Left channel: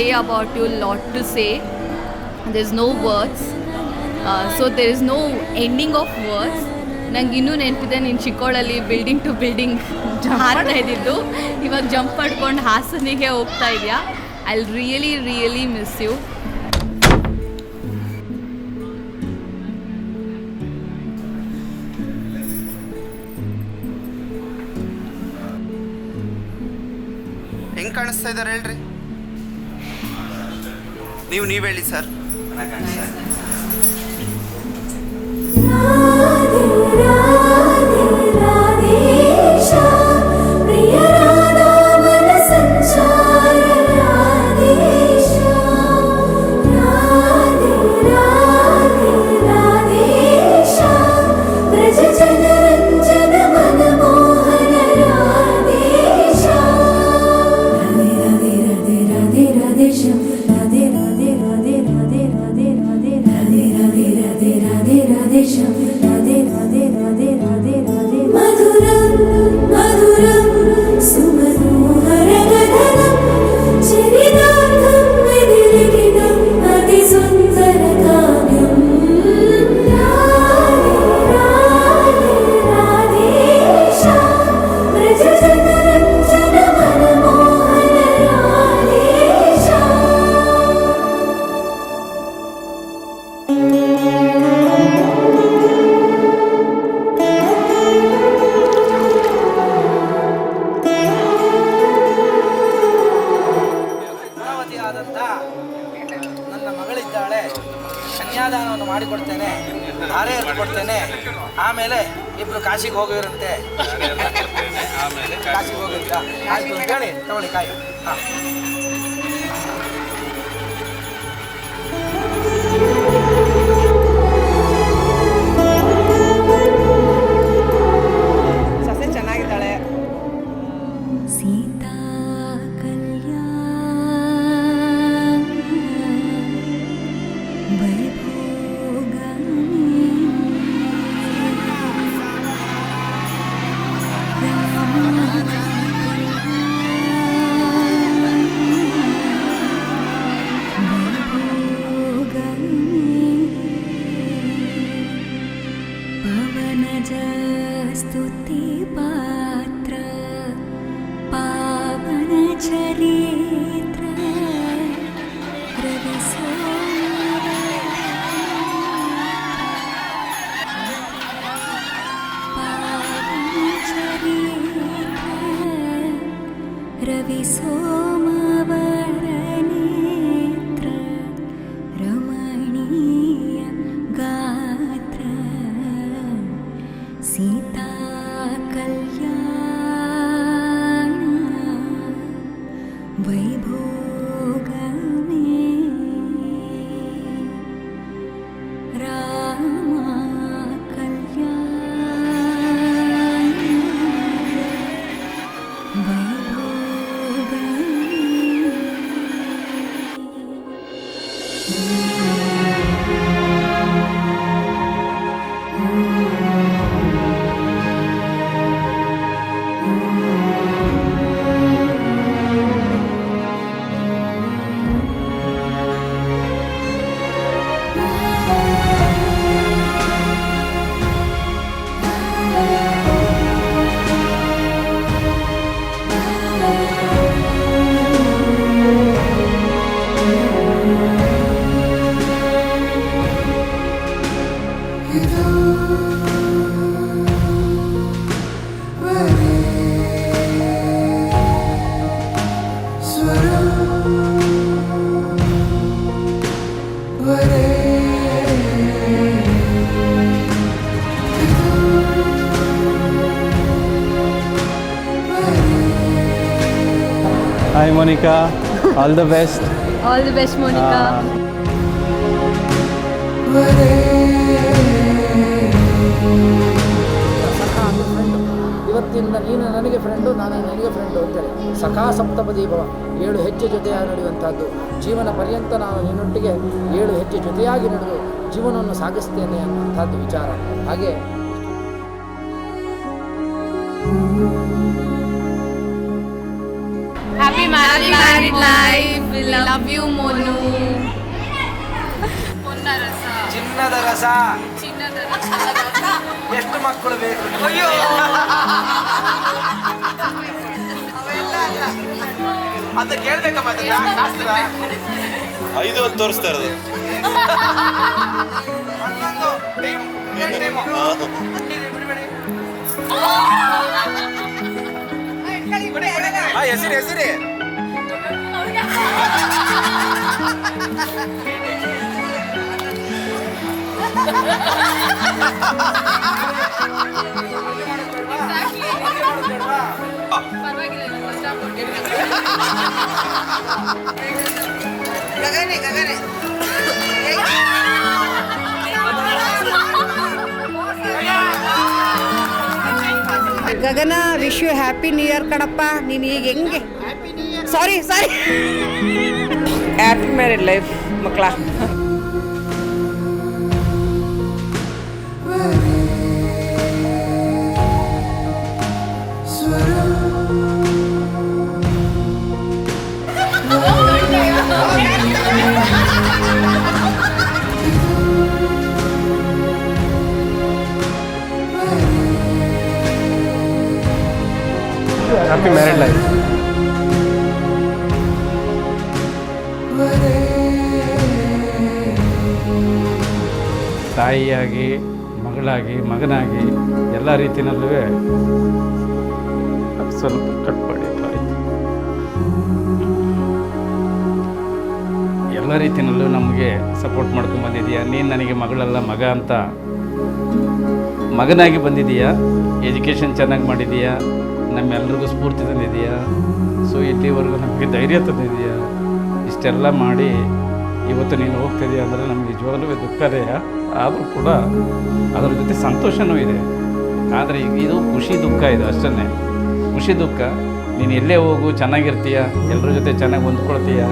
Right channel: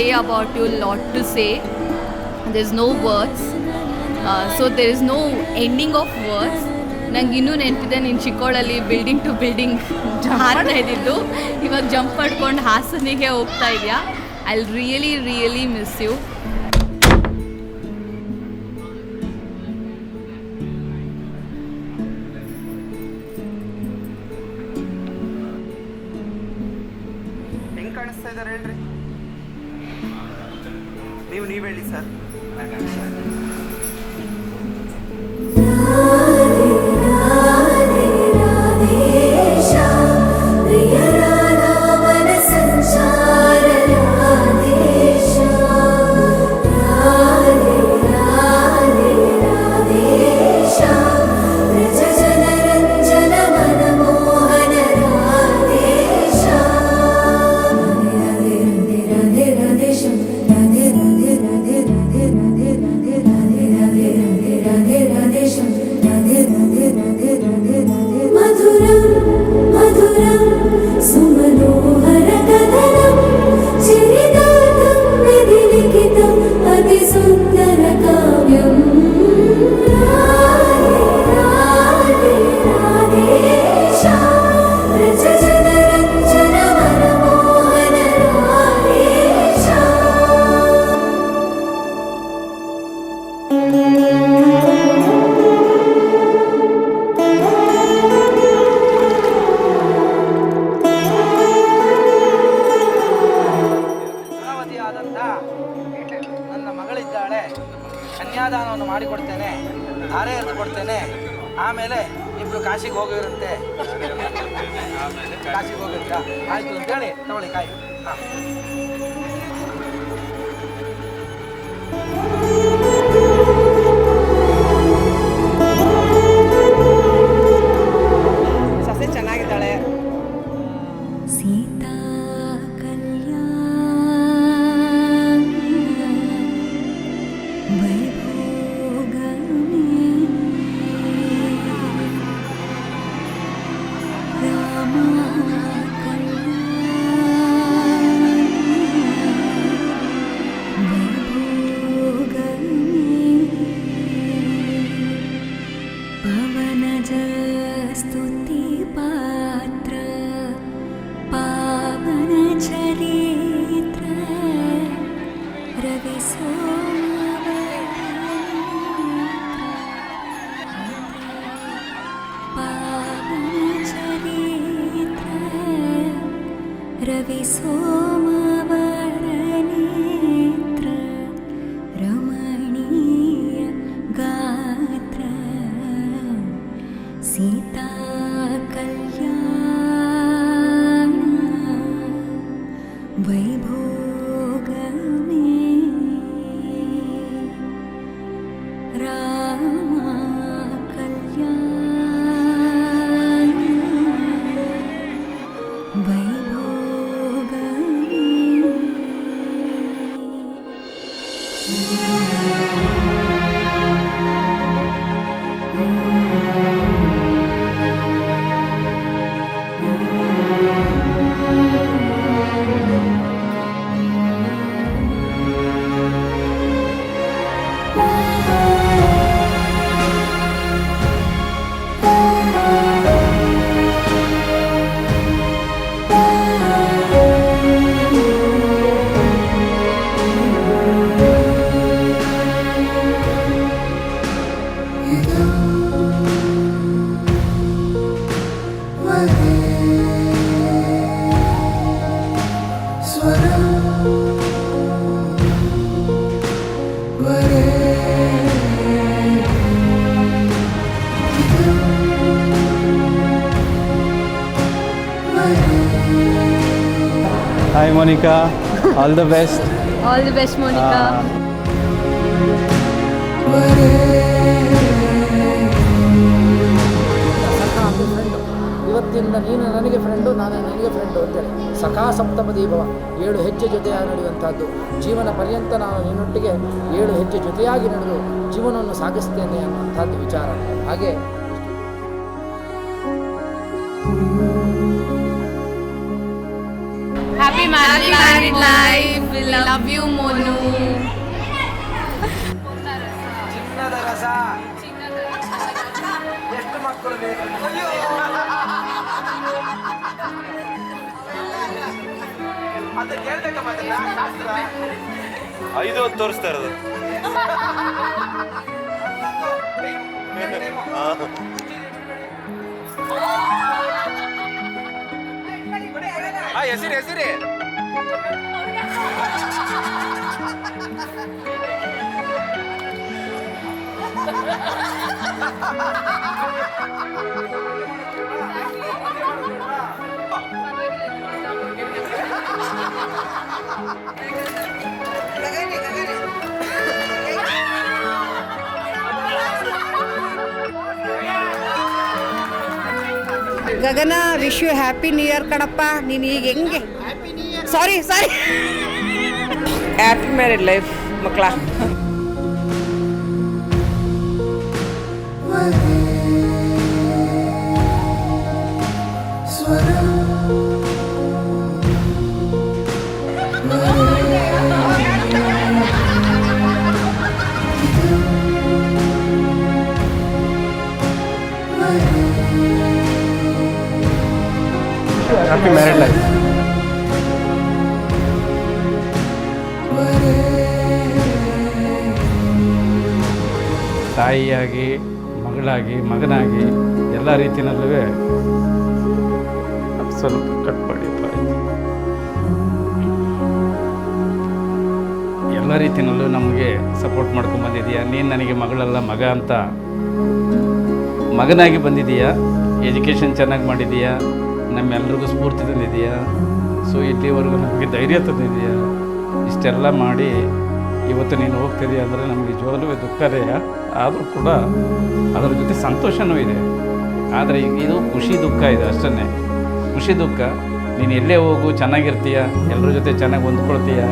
say about you, lot to say. There's no words. So there is no ending of words. ನಂಗೆ ಇನ್ನೂ ನೆನಪಿದೆ ನೀನು ಚಿಕ್ಕೋಳಲ್ಲಿ building to building ಹಾರ್ತಾ ಇದ್ದಿದ್ದು, ಇವಾಗ ಜಂಪ್ ಮಾಡ್ಕೊಂಡು ಹಾಸನಿಗೆ ಹೋಗ್ತಾ ಇದೆಯಾ. I really really miss you. ಹೆಂಗೆ ಕಾಣಿಸ್ತಾ ಇದ್ದಾರೆ ಹೇಳ್ರಿ ನೀವು ಹೇಳಿ ಸರ್. ನನ್ನ ಮಗಳಿದ್ದಾಳೆ, ಕನ್ಯಾದಾನವನ್ನು ಮಾಡಿಕೊಡ್ತೇನೆ, ಧಾರೆ ಕೊಡ್ತೇನೆ. ಆಮೇಲೆ ಇಬ್ರು ಕಾಶಿಗೆ ಹೋಗಿರಂತೆ. ಕಾಶಿಗೆ ಹೋಗಿರ್ತ ಆಯ್ತು ಅಂತೇಳಿ ತಗೊಳ್ಳಿ ಕಾಯಿ. ಸಸ್ಯ ಚೆನ್ನಾಗಿದ್ದಾಳೆ. ಸೀತಾ ಕಲ್ಯಾಣ ವೈಭೋಗಮೇ ರಾಮ ಕಲ್ಯಾಣ ವೈಭೋಗಮೇ ಪವನಜ ಸ್ತುತಿ ಪಾತ್ರ ಪಾವನ ಚರಿತ್ರ ರವಿ ಪಾವನ ಚರಿತ್ರ ರವಿ ಸೋಮವರ ನೇತ್ರ ರಮಣೀಯ ಗಾತ್ರ ಸೀತಾ ಕಲ್ಯಾಣ ವೈಭೋಗಮೇ ರಾಮ ಕಲ್ಯಾಣ ವೈಭೋಗಮೇ. Hi Monica, all the best. All the best, Monica. ಸಖಾ ಅಂದರೆ ಫ್ರೆಂಡು. ಇವತ್ತಿಂದ ನೀನು ನನಗೆ ಫ್ರೆಂಡು, ನಾನು ನನಗೆ ಫ್ರೆಂಡು ಅಂತೇಳಿ ಸಖಾ ಸಪ್ತಪದಿ ಭವ. 7 ಹೆಜ್ಜೆ ಜೊತೆಯಾಗಿ ನಡೆಯುವಂಥದ್ದು. ಜೀವನ ಪರ್ಯಂತ ನಾನು ನಿನ್ನೊಟ್ಟಿಗೆ 7 ಹೆಜ್ಜೆ ಜೊತೆಯಾಗಿ ನಡೆದು ಜೀವನವನ್ನು ಸಾಗಿಸ್ತೇನೆ ಅನ್ನುವಂಥದ್ದು ವಿಚಾರ. ಹಾಗೆ Happy married life. We love you, Monu. ಚಿನ್ನದ ರಸ ಎಷ್ಟು ಮಕ್ಕಳು ಬೇಕು ಅಂತ ಕೇಳ್ಬೇಕಮ್ಮ ಶಾಸ್ತ್ರ 5 ಹೊತ್ತು ತೋರಿಸ್ತಾ ಇರೋದು. ಹೆಸರಿ Gagana wish you happy new year ಕಣಪ್ಪ. ನೀನು ಈಗ ಹೆಂಗೆ ಸಾರಿ ಹ್ಯಾಪಿ ಮ್ಯಾರಿಡ್ ಲೈಫ್ ಮಕ್ಕಳ. Happy married life. ತಾಯಿಯಾಗಿ ಮಗಳಾಗಿ ಮಗನಾಗಿ ಎಲ್ಲ ರೀತಿಯಲ್ಲೂ ಸ್ವಲ್ಪ ಕಟ್ ಮಾಡಿ ಎಲ್ಲ ರೀತಿಯಲ್ಲೂ ನಮಗೆ ಸಪೋರ್ಟ್ ಮಾಡ್ಕೊಂಡು ಬಂದಿದೀಯಾ. ನೀನು ನನಗೆ ಮಗಳಲ್ಲ ಮಗ ಅಂತ ಮಗನಾಗಿ ಬಂದಿದೀಯಾ. ಎಜುಕೇಷನ್ ಚೆನ್ನಾಗಿ ಮಾಡಿದೀಯಾ, ನಮ್ಮೆಲ್ರಿಗೂ ಸ್ಫೂರ್ತಿ ತಂದಿದೀಯಾ. ಸೊ ಇಲ್ಲಿವರೆಗೂ ನಮಗೆ ಧೈರ್ಯ ತಂದಿದೀಯಾ. ಇಷ್ಟೆಲ್ಲ ಮಾಡಿ ಇವತ್ತು ನೀನು ಹೋಗ್ತಿದೀಯ ಅಂದರೆ ನಮಗೆ ನಿಜವಾಗ್ಲೂ ದುಃಖನೇ. ಆದರೂ ಕೂಡ ಅದರ ಜೊತೆ ಸಂತೋಷವೂ ಇದೆ. ಆದರೆ ಇದು ಖುಷಿ ದುಃಖ ಇದೆ ಅಷ್ಟೇ. ಖುಷಿ ದುಃಖ, ನೀನು ಎಲ್ಲೇ ಹೋಗು ಚೆನ್ನಾಗಿರ್ತೀಯ, ಎಲ್ಲರ ಜೊತೆ ಚೆನ್ನಾಗಿ ಹೊಂದ್ಕೊಳ್ತೀಯ.